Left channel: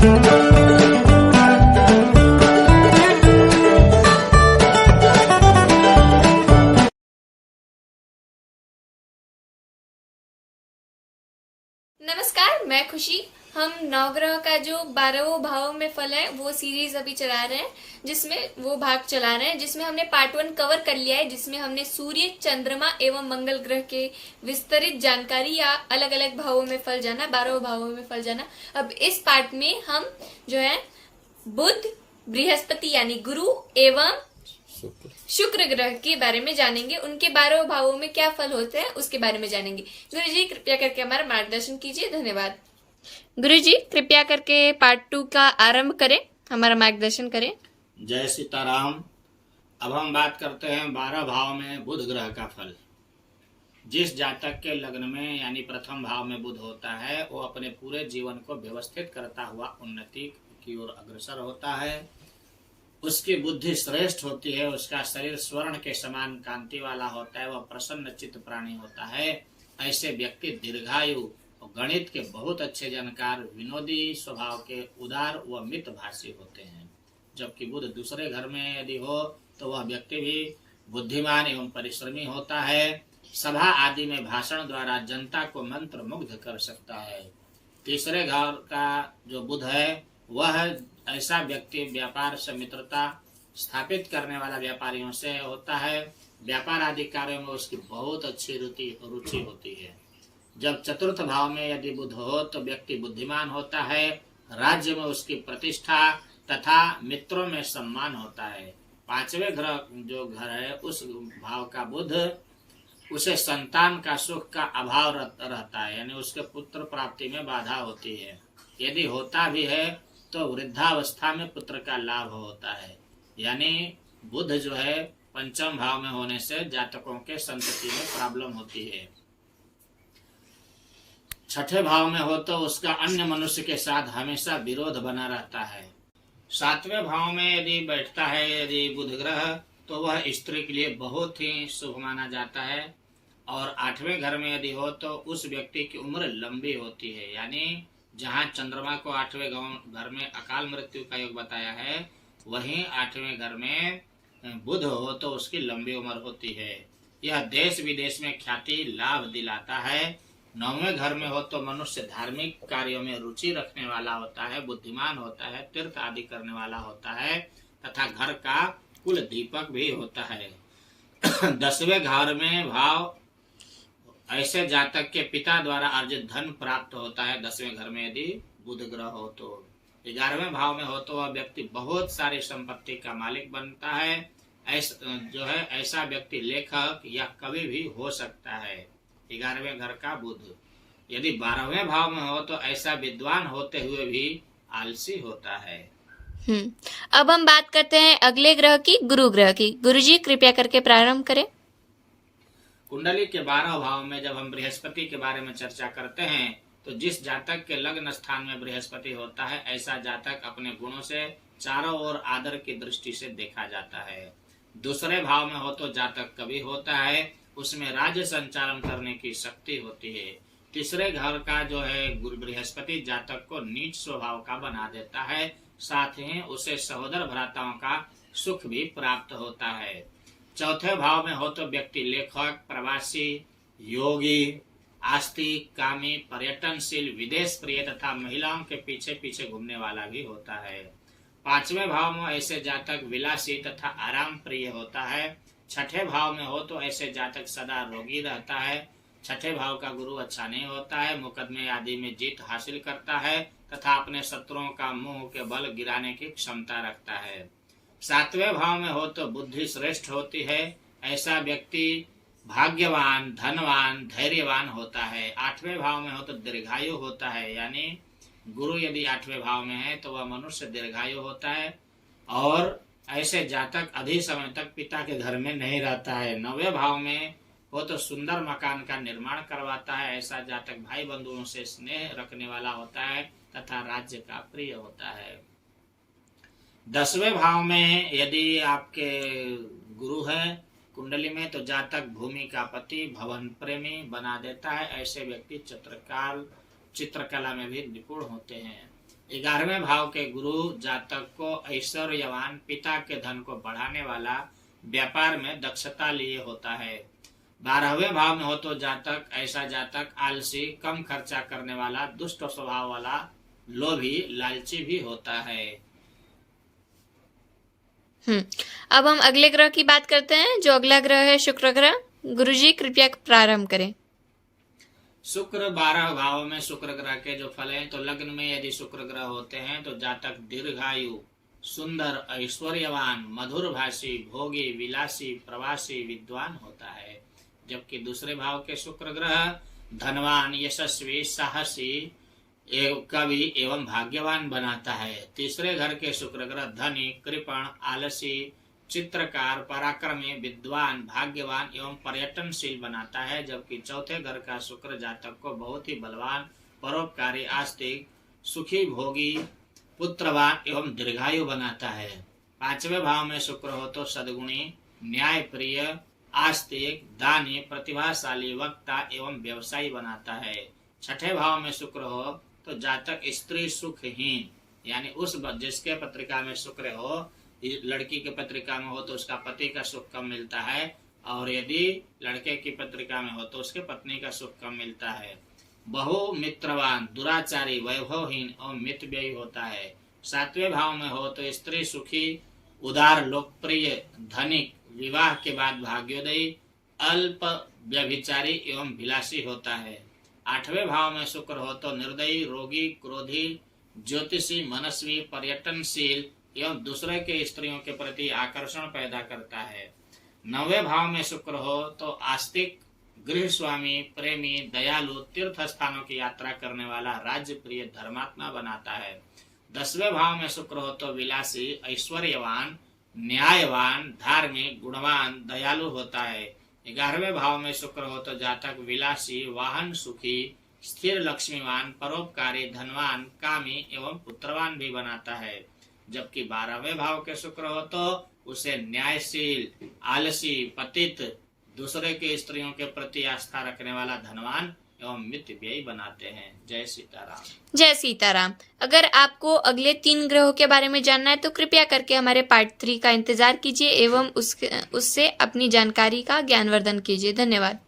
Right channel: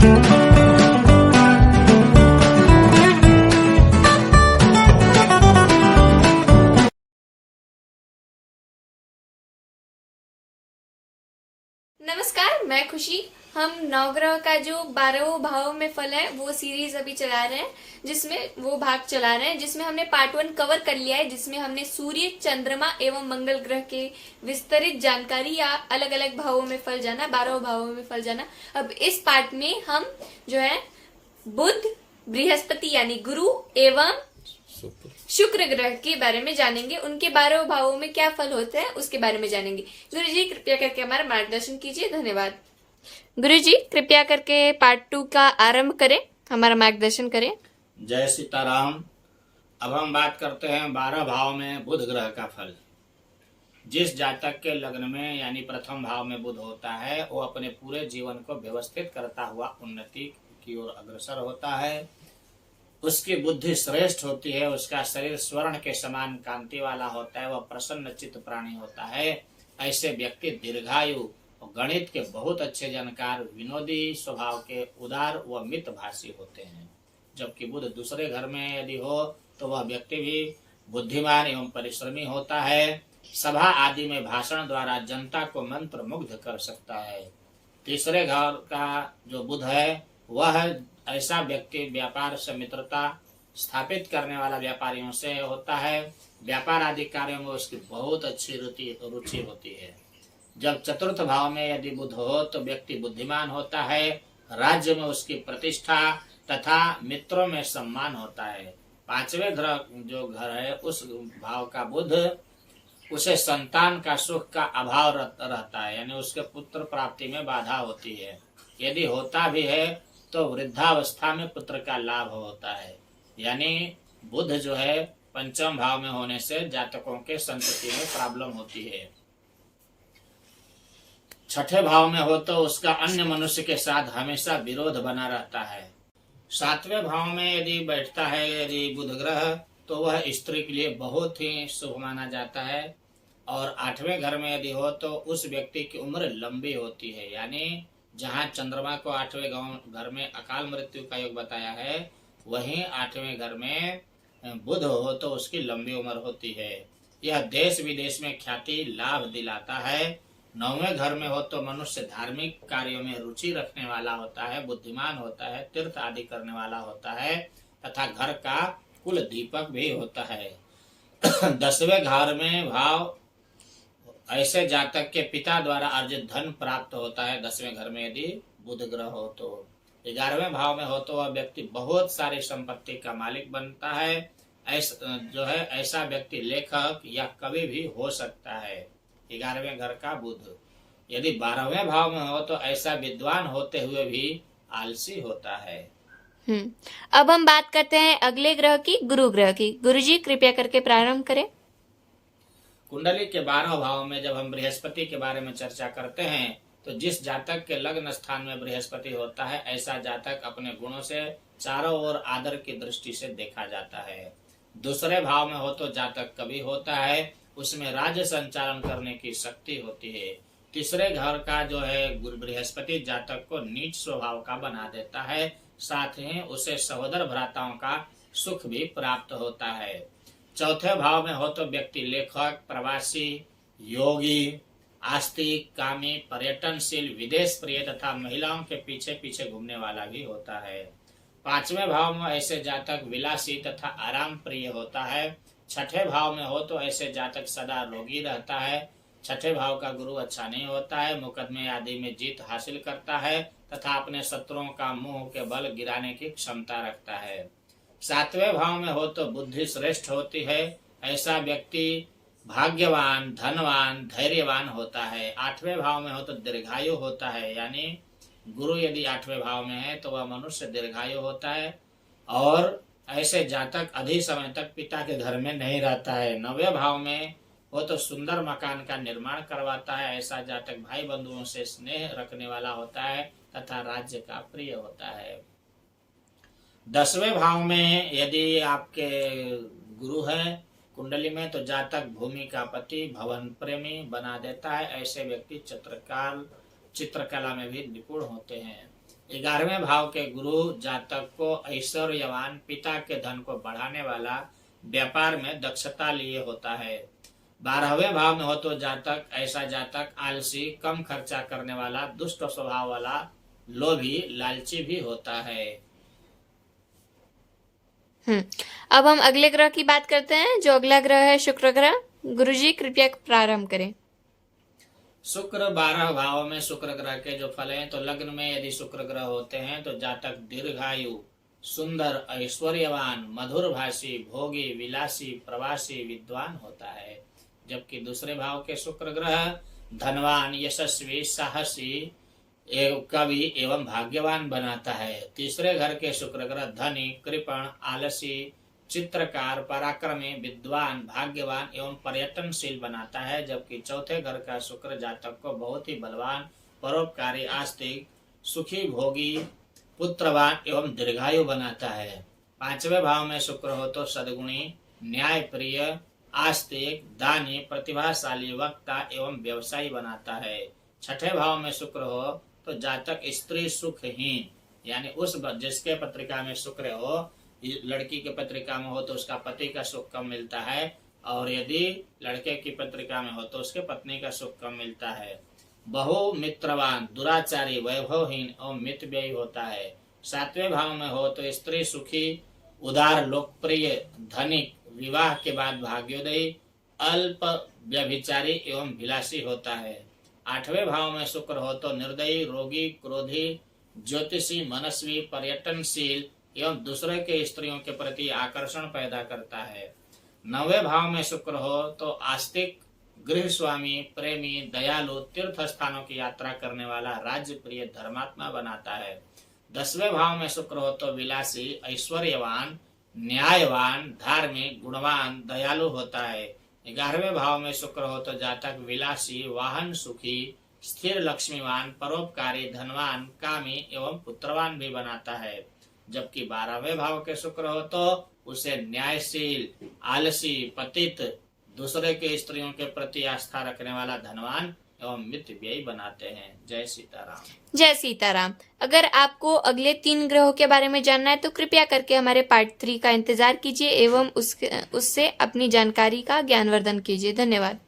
नमस्कार, मैं खुशी। हम नवग्रह का जो 12 भावों में फल है वो सीरीज अभी चला रहे हैं, जिसमें वो भाग चला रहे हैं, जिसमें हमने पार्ट 1 कवर कर लिया है, जिसमें हमने सूर्य, चंद्रमा एवं मंगल ग्रह के विस्तृत जानकारी या अलग अलग भावों में फल जाना, 12 भावों में फल जाना। अब इस पार्ट में हम जो है बुध, बृहस्पति यानी गुरु एवं शुक्र ग्रह के बारे में जानेंगे। उनके 12 भावों में क्या फल होते हैं उसके बारे में जानेंगे। गुरु जी कृपया करके हमारा मार्गदर्शन कीजिए। धन्यवाद। गुरु जी कृपया करके पार्ट 2 का आरंभ करें, हमारा मार्गदर्शन करें। जय सीताराम। अब हम बात करते हैं 12 भाव में बुध ग्रह का फल। जिस जातक के लग्न में यानी प्रथम भाव में बुध होता है वो अपने पूरे जीवन को व्यवस्थित करता हुआ उन्नति की ओर अग्रसर होता है। उसकी बुद्धि श्रेष्ठ होती है, उसका शरीर स्वर्ण के समान कांति वाला होता है, वह प्रसन्न चित्त प्राणी होता है। ऐसे व्यक्ति दीर्घायु और गणित के बहुत अच्छे जानकार, विनोदी स्वभाव के, उदार व मितभाषी होते हैं। जबकि बुध दूसरे घर में यदि हो तो वह व्यक्ति भी बुद्धिमान एवं परिश्रमी होता है। सभा आदि में भाषण द्वारा जनता को मंत्र मुग्ध कर सकता है। तीसरे घर का जो बुध है वह ऐसा व्यक्ति व्यापार से मित्रता स्थापित करने वाला व्यापारियों से होता है। व्यापार आदि कार्यों में उसकी बहुत अच्छी रुचि होती है। जब चतुर्थ भाव में यदि बुध हो तो व्यक्ति बुद्धिमान होता है, राज्य में उसकी प्रतिष्ठा तथा मित्रों में सम्मान होता है। पांचवें ग्रह जो घर है उस भाव का बुध, उसे संतान का सुख का अभाव रहता है, यानी उसके पुत्र प्राप्ति में बाधा होती है। यदि होता भी है तो वृद्धावस्था में पुत्र का लाभ होता है। यानी बुध जो है पंचम भाव में होने से जातकों के संतति में प्रॉब्लम होती है। छठे भाव में हो तो उसका अन्य मनुष्य के साथ हमेशा विरोध बना रहता है। सातवें भाव में यदि बैठता है यदि बुध ग्रह तो वह स्त्री के लिए बहुत ही शुभ माना जाता है। और आठवें घर में यदि हो तो उस व्यक्ति की उम्र लंबी होती है। यानी जहाँ चंद्रमा को आठवें घर में अकाल मृत्यु का योग बताया है, वहीं आठवें घर में बुध हो तो उसकी लंबी उम्र होती है। यह देश विदेश में ख्याति लाभ दिलाता है। नौवें घर में हो तो मनुष्य धार्मिक कार्यों में रुचि रखने वाला होता है, बुद्धिमान होता है, तीर्थ आदि करने वाला होता है तथा घर का कुल दीपक भी होता है। 10वें घर में भाव ऐसे जातक के पिता द्वारा अर्जित धन प्राप्त होता है। 10वें घर में यदि बुध ग्रह हो तो 11वें भाव में हो तो वह व्यक्ति बहुत सारी संपत्ति का मालिक बनता है। ऐसा व्यक्ति लेखक या कवि भी हो सकता है। 11वें घर का बुध यदि 12वें भाव में हो तो ऐसा विद्वान होते हुए भी आलसी होता है। अब हम बात करते हैं अगले ग्रह की, गुरु ग्रह की। गुरु जी कृपया करके प्रारंभ करें। कुंडली के 12 भाव में जब हम बृहस्पति के बारे में चर्चा करते हैं तो जिस जातक के लग्न स्थान में बृहस्पति होता है ऐसा जातक अपने गुणों से चारों ओर आदर की दृष्टि से देखा जाता है। दूसरे भाव में हो तो जातक कवि होता है, उसमें राज्य संचालन करने की शक्ति होती है। तीसरे घर का जो है बृहस्पति जातक को नीच स्वभाव का बना देता है, साथ ही उसे सहोदर भ्राताओं का सुख भी प्राप्त होता है। चौथे भाव में हो तो व्यक्ति लेखक, प्रवासी, योगी, आस्तिक, कामी, पर्यटनशील, विदेश प्रिय तथा महिलाओं के पीछे पीछे घूमने वाला भी होता है। 5वें भाव में ऐसे जातक विलासी तथा आराम प्रिय होता है। 6ठे भाव में हो तो ऐसे जातक सदा रोगी रहता है। 6ठे भाव का गुरु अच्छा नहीं होता है, मुकदमे आदि में जीत हासिल करता है तथा अपने शत्रुओं का मुंह के बल गिराने की क्षमता रखता है। 7वें भाव में हो तो बुद्धि श्रेष्ठ होती है, ऐसा व्यक्ति भाग्यवान, धनवान, धैर्यवान होता है। 8वें भाव में हो तो दीर्घायु होता है, यानी गुरु यदि 8वें भाव में है तो वह मनुष्य दीर्घायु होता है और ऐसे जातक अधिक समय तक पिता के घर में नहीं रहता है। 9वें भाव में हो तो सुंदर मकान का निर्माण करवाता है, ऐसा जातक भाई बंधुओं से स्नेह रखने वाला होता है तथा राज्य का प्रिय होता है। 10वें भाव में यदि आपके गुरु है कुंडली में तो जातक भूमि का पति, भवन प्रेमी बना देता है। ऐसे व्यक्ति चित्रकला में भी निपुण होते हैं। 11वें भाव के गुरु जातक को ऐश्वर्यवान, पिता के धन को बढ़ाने वाला, व्यापार में दक्षता लिए होता है। 12वें भाव में हो तो ऐसा जातक आलसी, कम खर्चा करने वाला, दुष्ट स्वभाव वाला, लोभी, लालची भी होता है। अब हम अगले ग्रह की बात करते हैं। जो अगला ग्रह है शुक्र ग्रह। गुरुजी कृपया प्रारंभ करें। शुक्र 12 भाव में शुक्र ग्रह के जो फल हैं, तो लग्न में यदि शुक्र ग्रह होते हैं तो जातक दीर्घायु, सुंदर, ऐश्वर्यवान, मधुर भाषी, भोगी, विलासी, प्रवासी, विद्वान होता है। जबकि दूसरे भाव के शुक्र ग्रह धनवान, यशस्वी, साहसी, कवि एवं भाग्यवान बनाता है। तीसरे घर के शुक्र ग्रह धनी, कृपण, आलसी, चित्रकार, पराक्रमी, विद्वान, भाग्यवान एवं पर्यटनशील बनाता है। जबकि चौथे घर का शुक्र जातक को बहुत ही बलवान, परोपकारी, आस्तिक, सुखी, भोगी, पुत्रवान एवं दीर्घायु बनाता है। 5वें भाव में शुक्र हो तो सद्गुणी, न्यायप्रिय, आस्तिक, दानी, प्रतिभाशाली, वक्ता एवं व्यवसायी बनाता है। 6ठे भाव में शुक्र हो तो जातक स्त्री सुखहीन, यानी उस जिसके पत्रिका में शुक्र हो, लड़की की पत्रिका में हो तो उसका पति का सुख कम मिलता है, और यदि लड़के की पत्रिका में हो तो उसके पत्नी का सुख कम मिलता है। बहु मित्रवान, दुराचारी, वैभवहीन और मितव्ययी होता है। 7वें भाव में हो तो स्त्री सुखी, उदार, लोकप्रिय, धनिक, विवाह के बाद भाग्योदयी, अल्प व्यभिचारी एवं विलासी होता है। 8वें भाव में शुक्र हो तो निर्दयी, रोगी, क्रोधी, ज्योतिषी, मनस्वी, पर्यटनशील एवं दूसरे के स्त्रियों के प्रति आकर्षण पैदा करता है। 9वें भाव में शुक्र हो तो आस्तिक, गृह स्वामी, प्रेमी, दयालु, तीर्थ स्थानों की यात्रा करने वाला, राज्य प्रिय, धर्मात्मा बनाता है। 10वें भाव में शुक्र हो तो विलासी, ऐश्वर्यवान, न्यायवान, धार्मिक, गुणवान, दयालु होता है। 11वें भाव में शुक्र हो तो जातक विलासी, वाहन सुखी, स्थिर, लक्ष्मीवान, परोपकारी, धनवान, कामी एवं पुत्रवान भी बनाता है। जबकि 12वें भाव के शुक्र हो तो उसे न्यायशील, आलसी, पतित, दूसरे के स्त्रियों के प्रति आस्था रखने वाला, धनवान एवं मितव्ययी बनाते हैं। जय सीताराम। जय सीताराम। अगर आपको अगले 3 ग्रहों के बारे में जानना है तो कृपया करके हमारे पार्ट 3 का इंतजार कीजिए एवं उससे अपनी जानकारी का ज्ञानवर्धन कीजिए। धन्यवाद।